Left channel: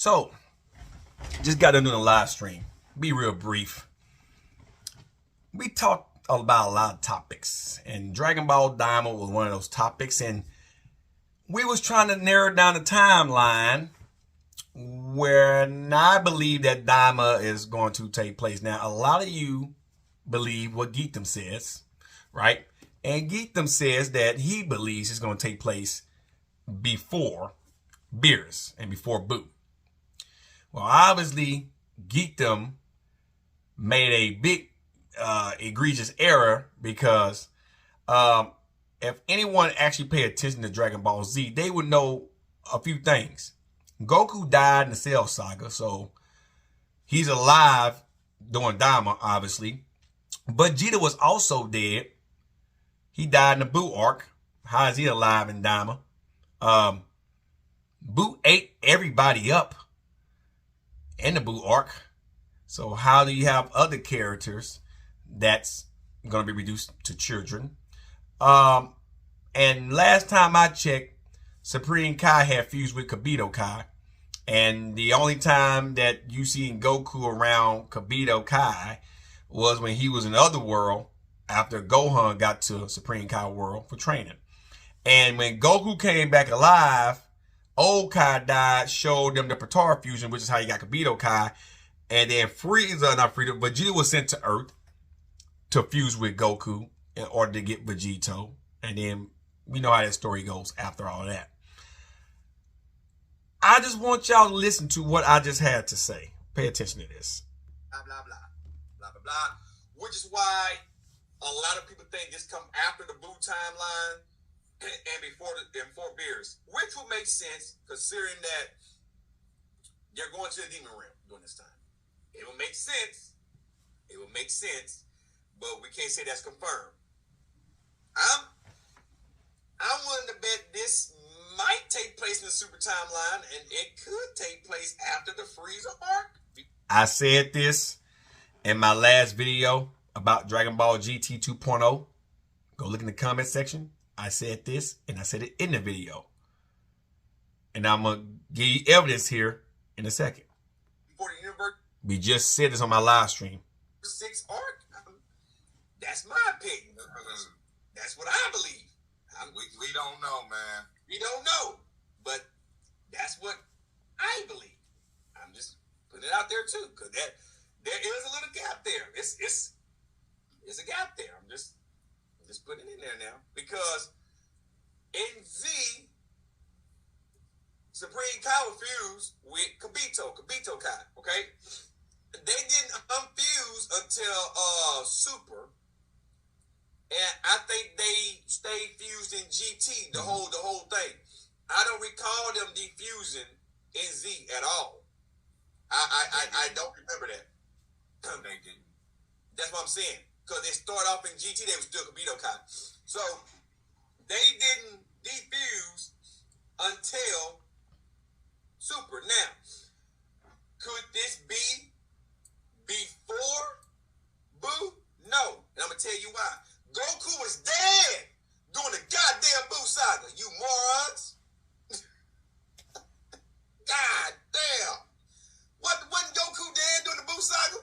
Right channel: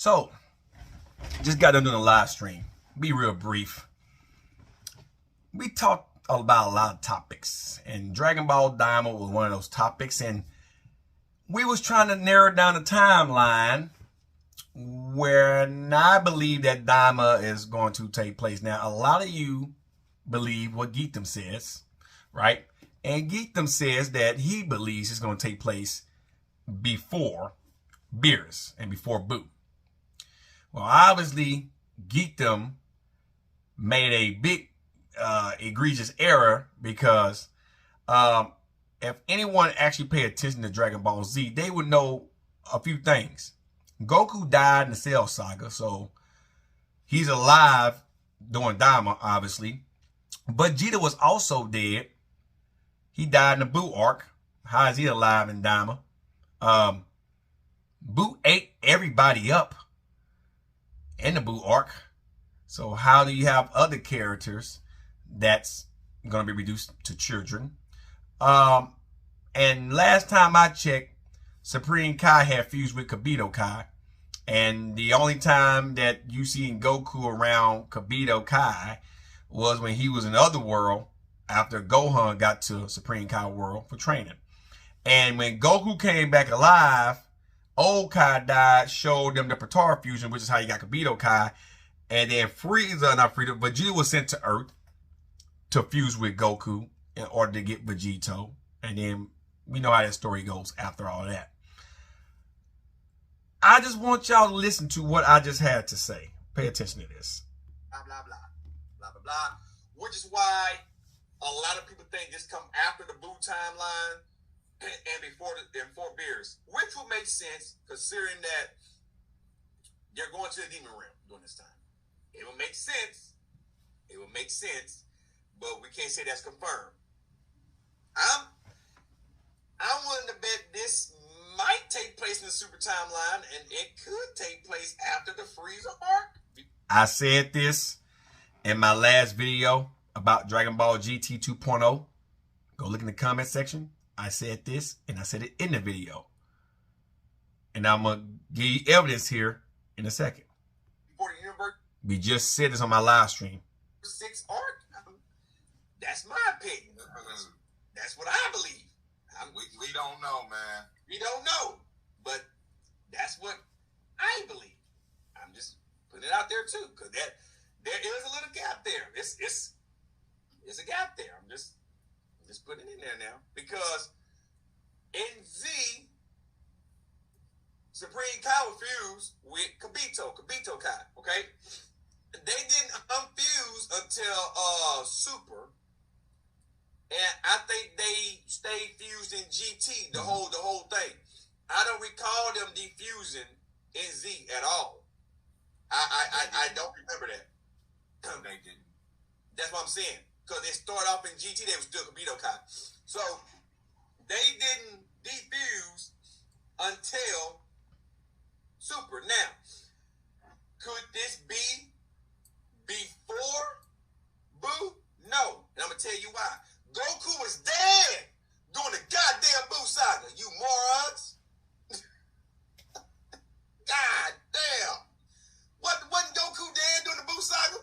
So, just got done doing a live stream. Be real brief. We talked about a lot of topics, and Dragonball Daima was one of those topics, and we was trying to narrow down the timeline where I believe that Daima is going to take place. Now, a lot of you believe what Geekdom says, right? And Geekdom says that he believes it's going to take place before Beerus and before Boo. Well, obviously, Geekdom made a big egregious error because if anyone actually paid attention to Dragon Ball Z, they would know a few things. Goku died in the Cell Saga, so he's alive during Daima, obviously. But Vegeta was also dead. He died in the Boo arc. How is he alive in Daima? Boo ate everybody up in the Boo arc. So how do you have other characters that's going to be reduced to children? And last time I checked, Supreme Kai had fused with Kibito Kai. And the only time that you seen Goku around Kibito Kai was when he was in the other world after Gohan got to Supreme Kai world for training. And when Goku came back alive, old Kai died, showed them the Potara fusion, which is how you got Kibito Kai. And then Vegeta was sent to Earth to fuse with Goku in order to get Vegito. And then we know how that story goes after all that. I just want y'all to listen to what I just had to say. Pay attention to this. Blah, blah, blah. Blah, blah, blah. Which is why a lot of people think this come after the Boo timeline and before Beerus. Which will make sense considering that they're going to the demon realm during this time. It will make sense. It will make sense. But we can't say that's confirmed. I'm willing to bet this might take place in the Super Timeline, and it could take place after the Frieza arc. I said this in my last video about Dragon Ball GT 2.0. Go look in the comment section. I said this, and I said it in the video. And I'm going to give you evidence here in a second. Before the universe. We just said this on my live stream. 6 arc? That's my opinion. That's what I believe. We don't know, man. We don't know. But that's what I believe. I'm just putting it out there too. Because there is a little gap there. It's a gap there. I'm just putting it in there now. Because in Z, Supreme Kai was fused with Kibito Kai, okay? They didn't unfuse until Super. And I think they stayed fused in GT the whole thing. I don't recall them defusing in Z at all. I don't remember that. They didn't. That's what I'm saying. Because they started off in GT, they were still Kibito Kai. So they didn't defuse until Super. Now, could this be before Boo? No. And I'm going to tell you why. Goku was dead during the goddamn Boo saga, you morons. God damn. Wasn't Goku dead during the Boo saga?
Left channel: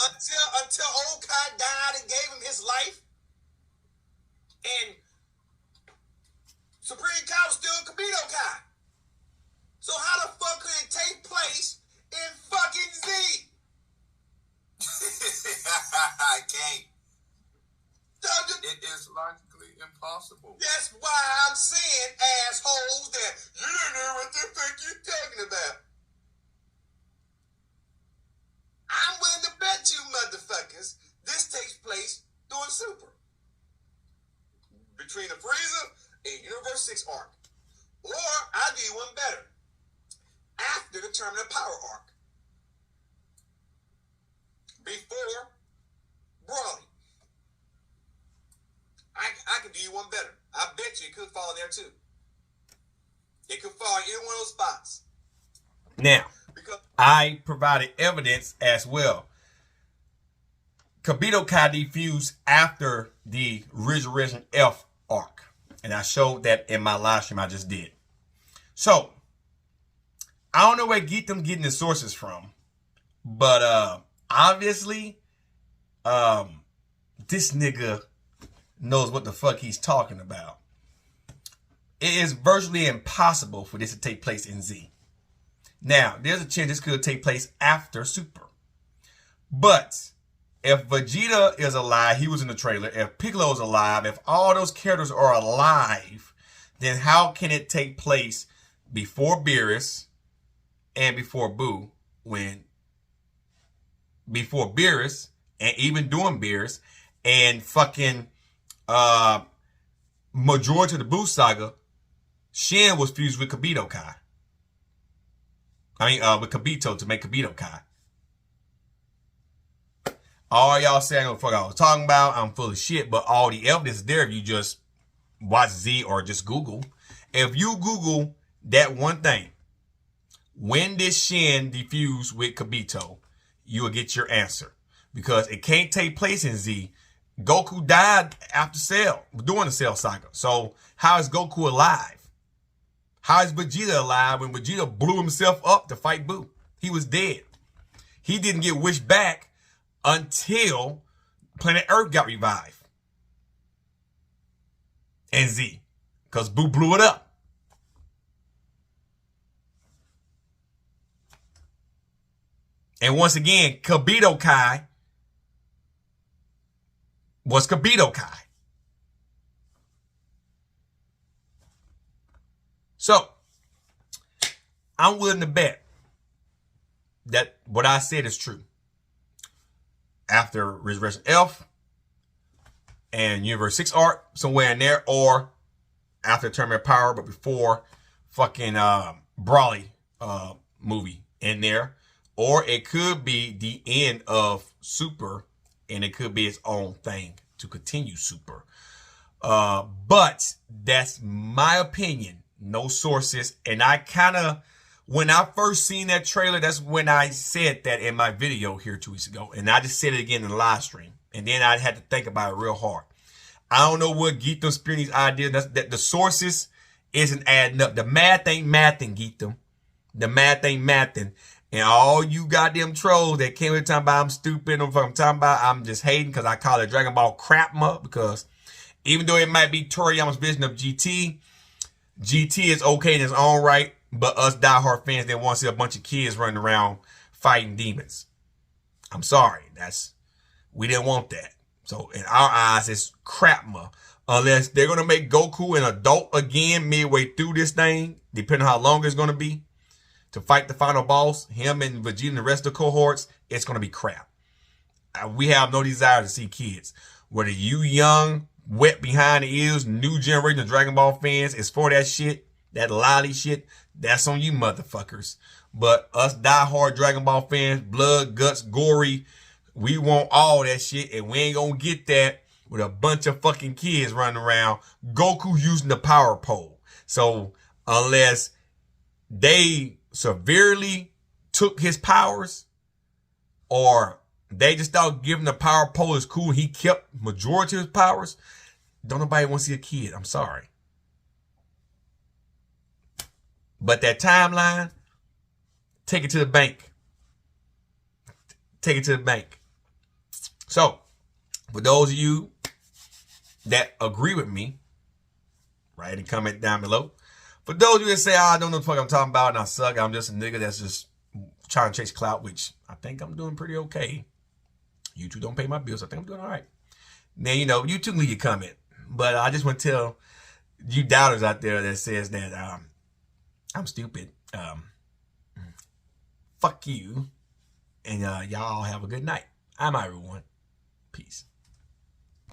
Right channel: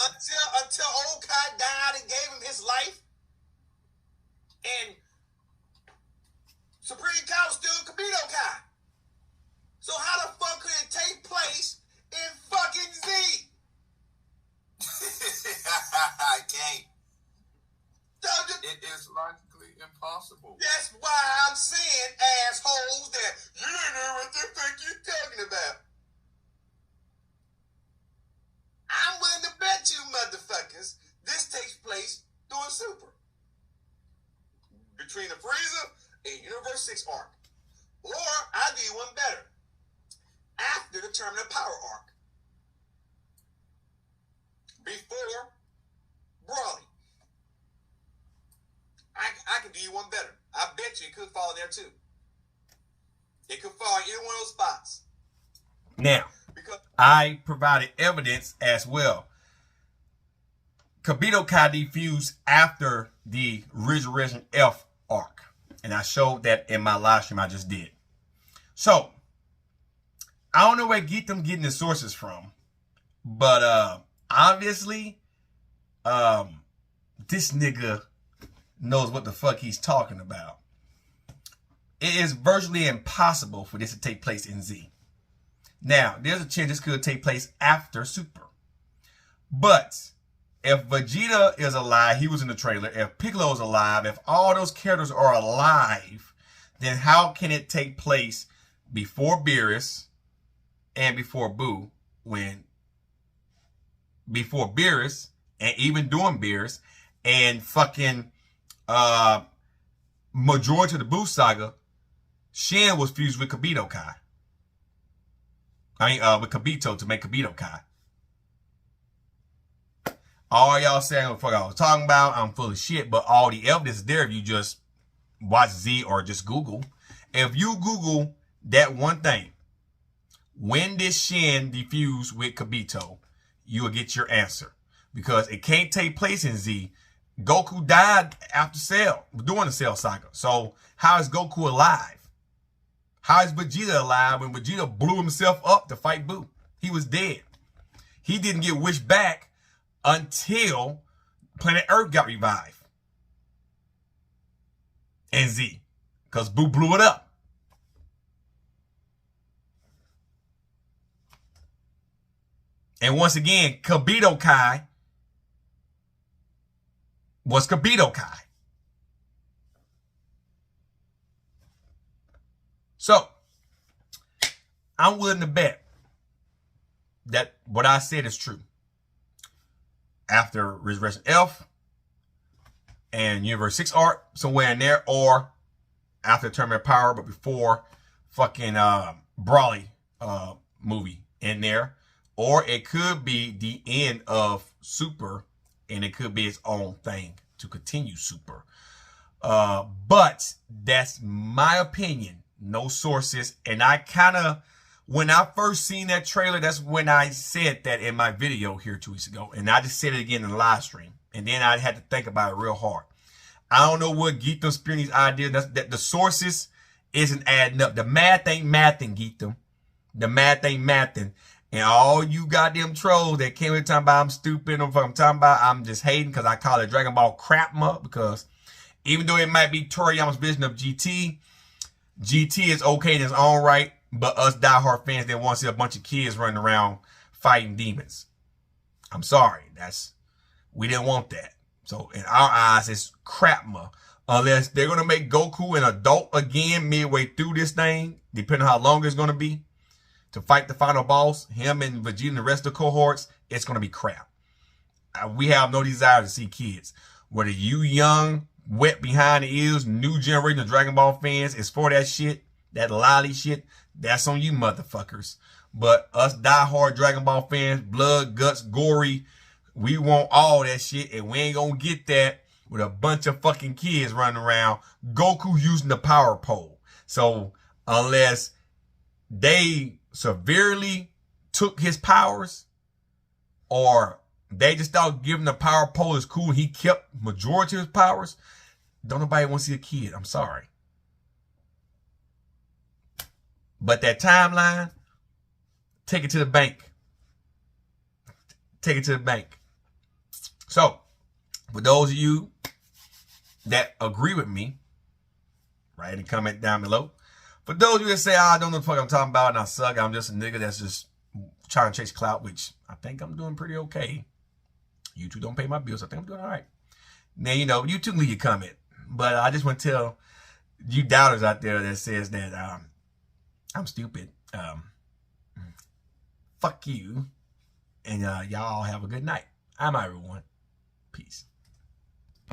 Until old Kai died and gave him his life? And Supreme Kai was still Kibito Kai. So how the fuck could it take place in fucking Z? I can't. It is logically impossible. That's why I'm saying, assholes, that you don't know what the fuck you're talking about. I'm willing to bet you, motherfuckers, this takes place during Super. Between the Frieza and Universe 6 arc. Or, I'll do you one better. After the Terminal Power arc. Before Broly. I can do you one better. I bet you it could fall there too. It could fall in either one of those spots. Now, because I provided evidence as well. Kibito Kai defused after the Resurrection F arc. And I showed that in my live stream I just did. So, I don't know where them getting the sources from, but obviously, this nigga knows what the fuck he's talking about. It is virtually impossible for this to take place in Z. Now, there's a chance this could take place after Super. But if Vegeta is alive, he was in the trailer, if Piccolo is alive, if all those characters are alive, then how can it take place before Beerus and before Boo, before Beerus and even during Beerus and fucking majority of the Boo saga, Shin was fused with Kibito Kai. With Kibito to make Kibito Kai. All y'all saying what the fuck I was talking about, I'm full of shit, but all the evidence is there if you just watch Z or just Google. If you Google that one thing, when did Shin defuse with Kibito, you will get your answer. Because it can't take place in Z. Goku died after Cell, during the Cell saga. So how is Goku alive? How is Vegeta alive when Vegeta blew himself up to fight Boo? He was dead. He didn't get wished back until Planet Earth got revived. And Z. Because Boo blew it up. And once again, Kibito Kai was Kibito Kai. So, I'm willing to bet that what I said is true. After Resurrection F and Universe 6 art, somewhere in there, or after Tournament Power, but before fucking Brawly movie in there. Or it could be the end of Super, and it could be its own thing to continue Super. But that's my opinion. No sources. And I kind of, when I first seen that trailer, that's when I said that in my video here 2 weeks ago. And I just said it again in the live stream. And then I had to think about it real hard. I don't know what Geetham spinning these ideas. That the sources isn't adding up. The math ain't mathing, Geetham. The math ain't mathing. And all you goddamn trolls that came in talking about I'm stupid, or I'm talking about I'm just hating because I call it Dragon Ball crapma, because even though it might be Toriyama's vision of GT, GT is okay in its own right, but us diehard fans that want to see a bunch of kids running around fighting demons. I'm sorry, we didn't want that. So in our eyes, it's crapma. Unless they're going to make Goku an adult again midway through this thing, depending on how long it's going to be, to fight the final boss, him and Vegeta and the rest of the cohorts, it's going to be crap. We have no desire to see kids. Whether you young, wet behind the ears, new generation of Dragon Ball fans is for that shit, that lolly shit, that's on you motherfuckers. But us diehard Dragon Ball fans, blood, guts, gory, we want all that shit, and we ain't going to get that with a bunch of fucking kids running around, Goku using the power pole. So unless they severely took his powers, or they just thought giving the power pole is cool, he kept majority of his powers, don't nobody want to see a kid. I'm sorry. But that timeline, take it to the bank. Take it to the bank. So, for those of you that agree with me, write a comment down below. For those of you that say, I don't know what the fuck I'm talking about and I suck, I'm just a nigga that's just trying to chase clout, which I think I'm doing pretty okay. YouTube don't pay my bills. I think I'm doing all right. Now, you know, you too leave your comment. But I just want to tell you doubters out there that says that I'm stupid. Fuck you. And y'all have a good night. I'm everyone. Peace.